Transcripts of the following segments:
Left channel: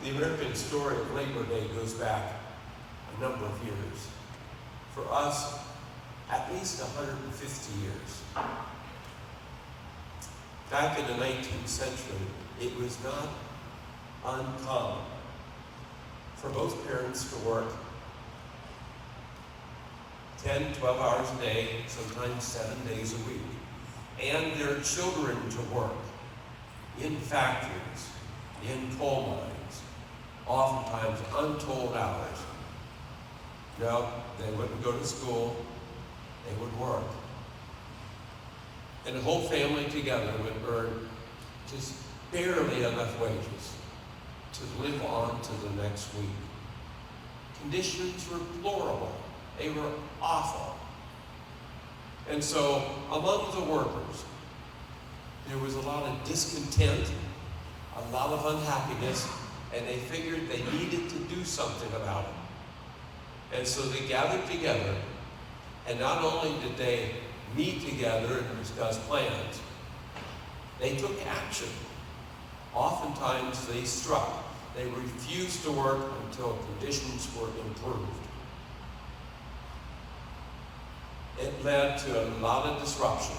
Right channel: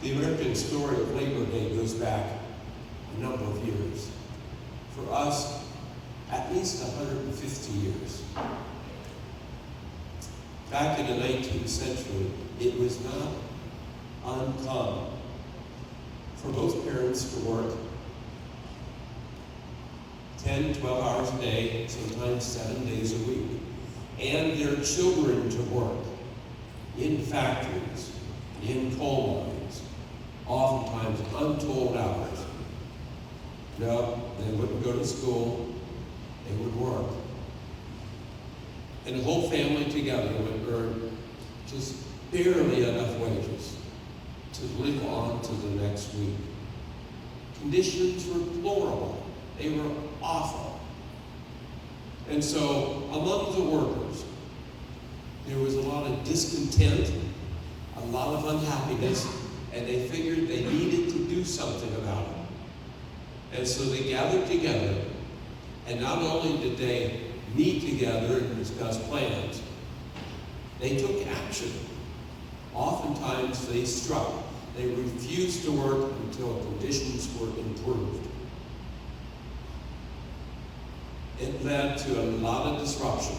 The American story of Labor Day goes back a number of years. For us, at least 150 years. Back in the 19th century, it was not uncommon for both parents to work 10, 12 hours a day, sometimes 7 days a week, and their children to work in factories, in coal mines, oftentimes untold hours. No, they wouldn't go to school, they would work. And the whole family together would earn just barely enough wages to live on to the next week. Conditions were deplorable. They were awful. And so among the workers, there was a lot of discontent, a lot of unhappiness, and they figured they needed to do something about it. And so they gathered together, and not only did they meet together and discuss plans, they took action. Oftentimes they struck. They refused to work until conditions were improved. It led to a lot of disruption.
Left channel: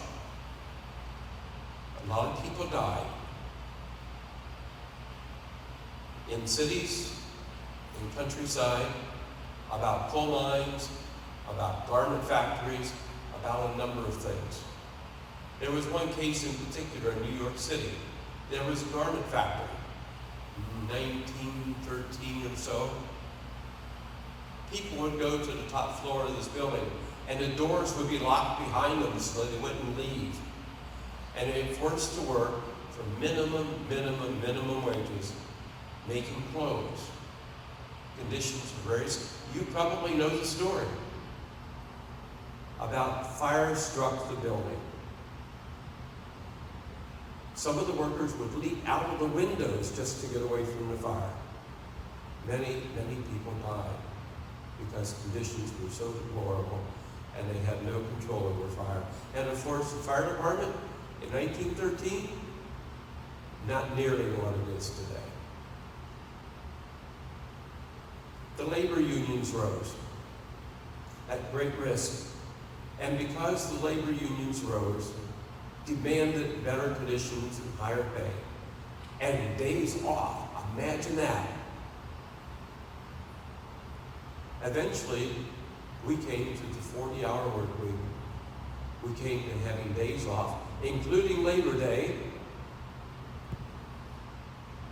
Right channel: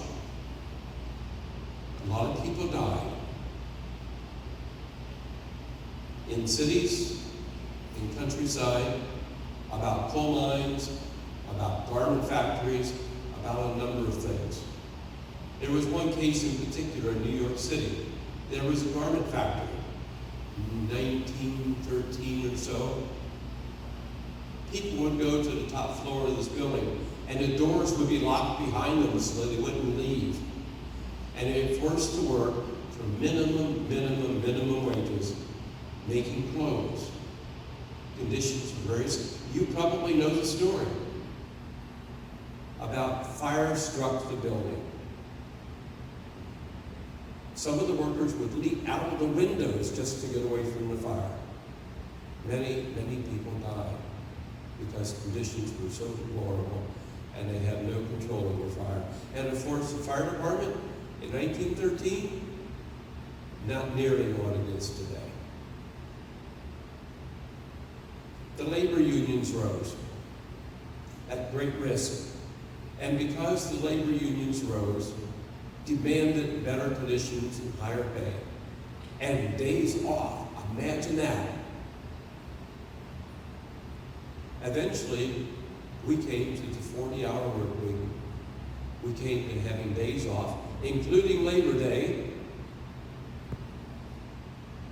A lot of people died. In cities, in countryside, about coal mines, about garment factories, about a number of things. There was one case in particular in New York City. There was a garment factory, 1913 or so. People would go to the top floor of this building, and the doors would be locked behind them so that they wouldn't leave. And they were forced to work for minimum wages, making clothes. Conditions were very, you probably know the story about fire struck the building. Some of the workers would leap out of the windows just to get away from the fire. Many people died because conditions were so deplorable and they had no control over fire. And of course, the fire department in 1913, not nearly what it is today. The labor unions rose at great risk. And because the labor unions rose, demanded better conditions and higher pay, and days off, imagine that. Eventually, we came to the 40-hour work week. We came to having days off, including Labor Day.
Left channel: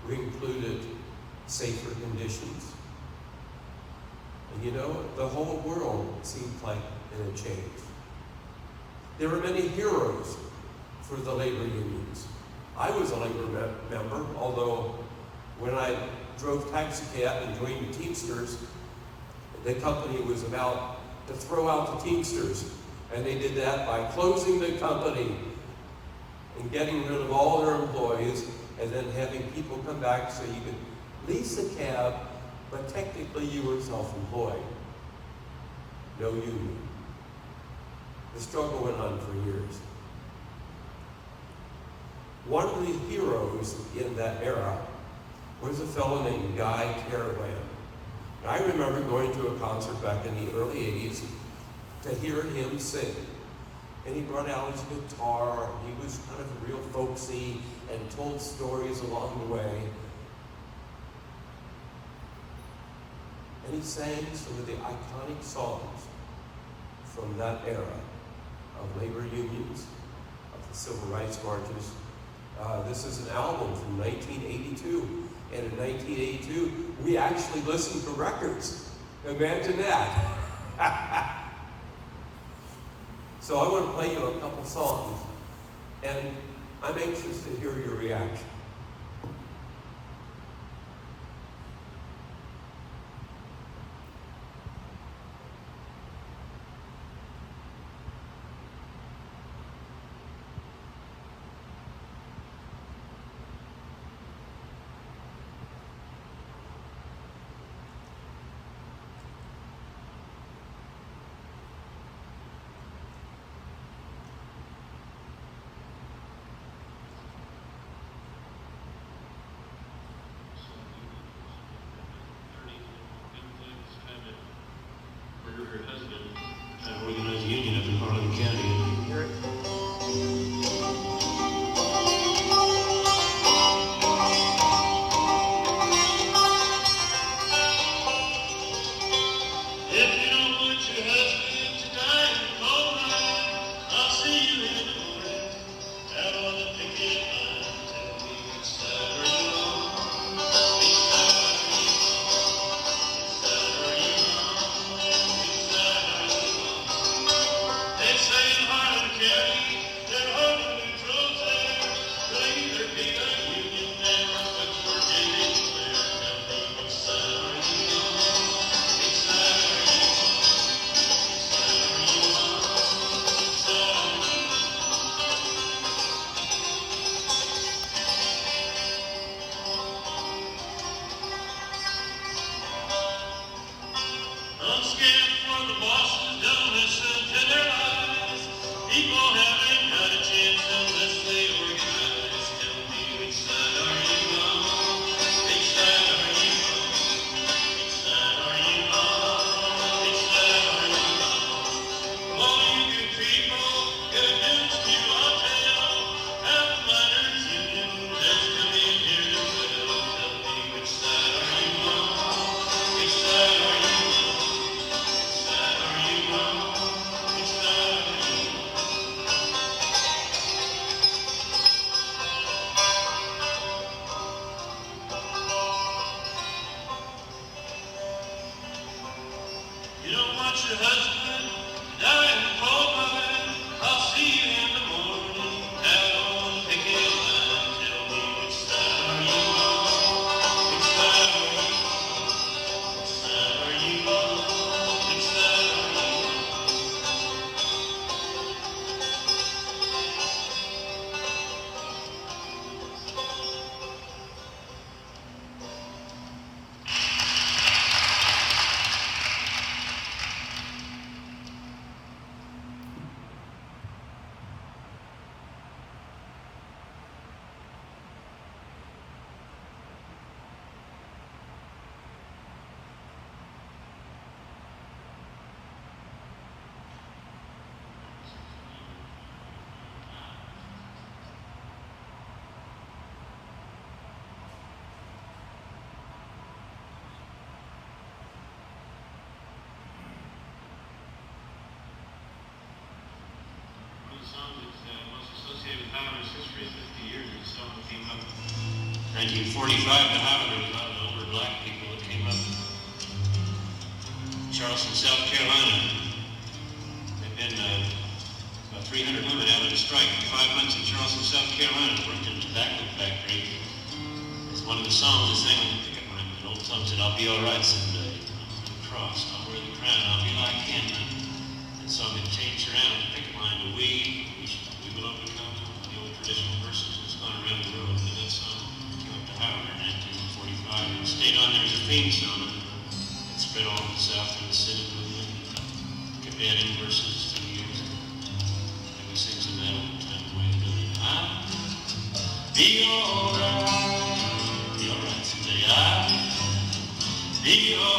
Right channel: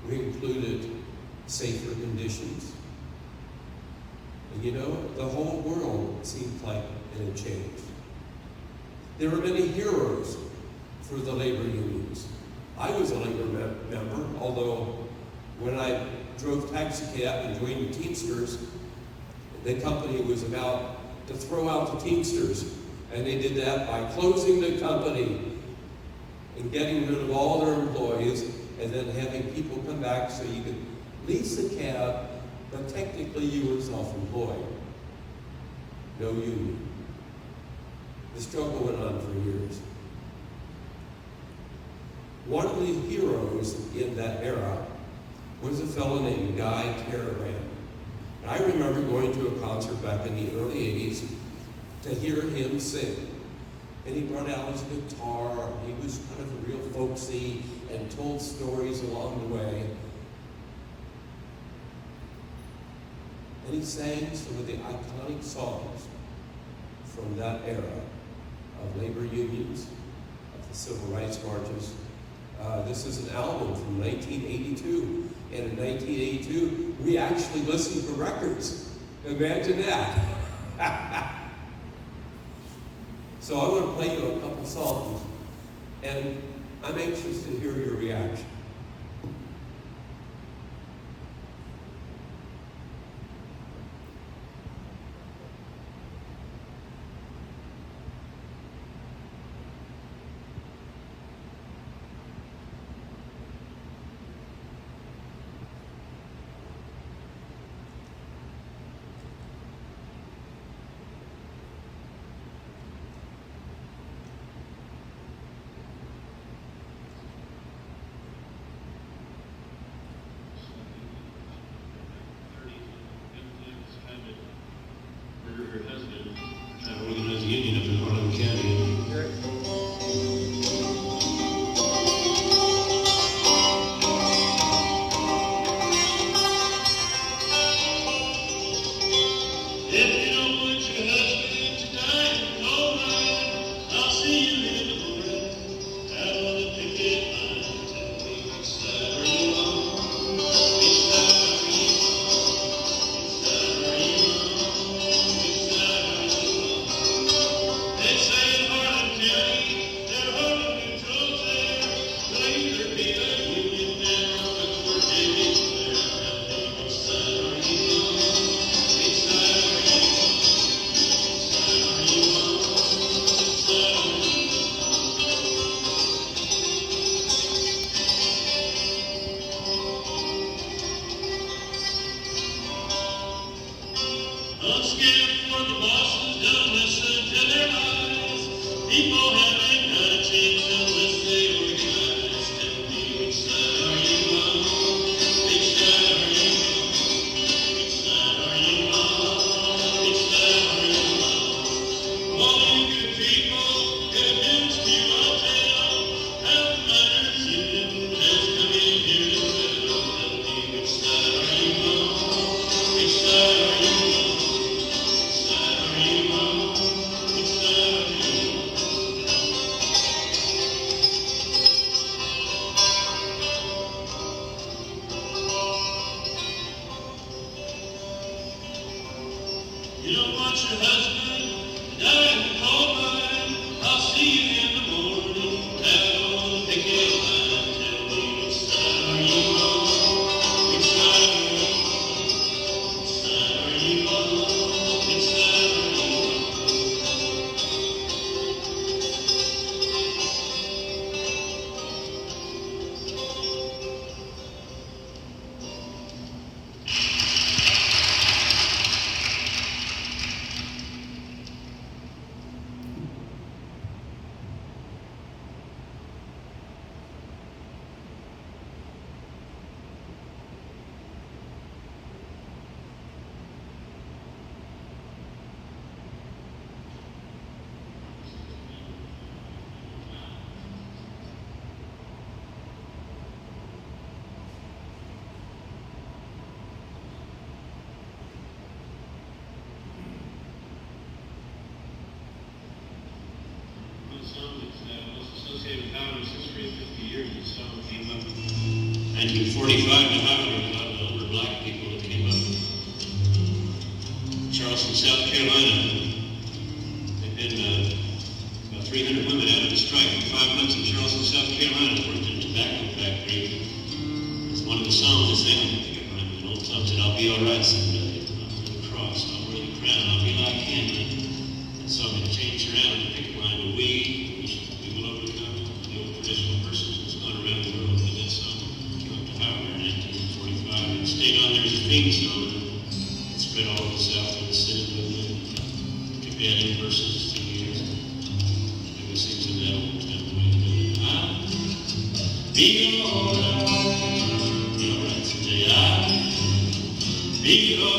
We included safer conditions. And you know, the whole world seemed like it had changed. There were many heroes for the labor unions. I was a labor member, although when I drove taxi cab and joined the Teamsters, the company was about to throw out the Teamsters. And they did that by closing the company and getting rid of all their employees and then having people come back so you could lease a cab, but technically you were self-employed. No union. The struggle went on for years. One of the heroes in that era was a fellow named Guy Caravan. And I remember going to a concert back in the early 80s to hear him sing. And he brought out his guitar, and he was kind of real folksy and told stories along the way. And he sang some of the iconic songs from that era of labor unions, of the civil rights marches. This is an album from 1982. And in 1982, we actually listened to records. Imagine that. So I want to play you a couple songs, and I'm anxious to hear your reaction. You don't want your husband down in the coal mine. I'll see you in the morning at old picket line. Tell me which side are you on? Which side are you on? Which side are you on? Which side are you on? One of the songs that's most associated with Highlander's history is 50 years. This song came up in 1945 to Highlander. There was a lot of the older black people that came up. Charleston, South Carolina. They've been about 300 women out on strike for 5 months in Charleston, South Carolina, worked in a tobacco factory. It's one of the songs they sang. I think I remember an old song said, "I'll be all right someday. I'll wear the cross, I'll wear the crown, I'll be like him." And the song had changed around and picked line to we will overcome. The old traditional verses that's gone around the world with that song. Came up to Howard in 1945 and stayed on there as a theme song. It spread all over the South and the Senate building. Kept adding verses to the years. And we sing some of that one time away. I'll be alright. Be alright someday. I'll be alright.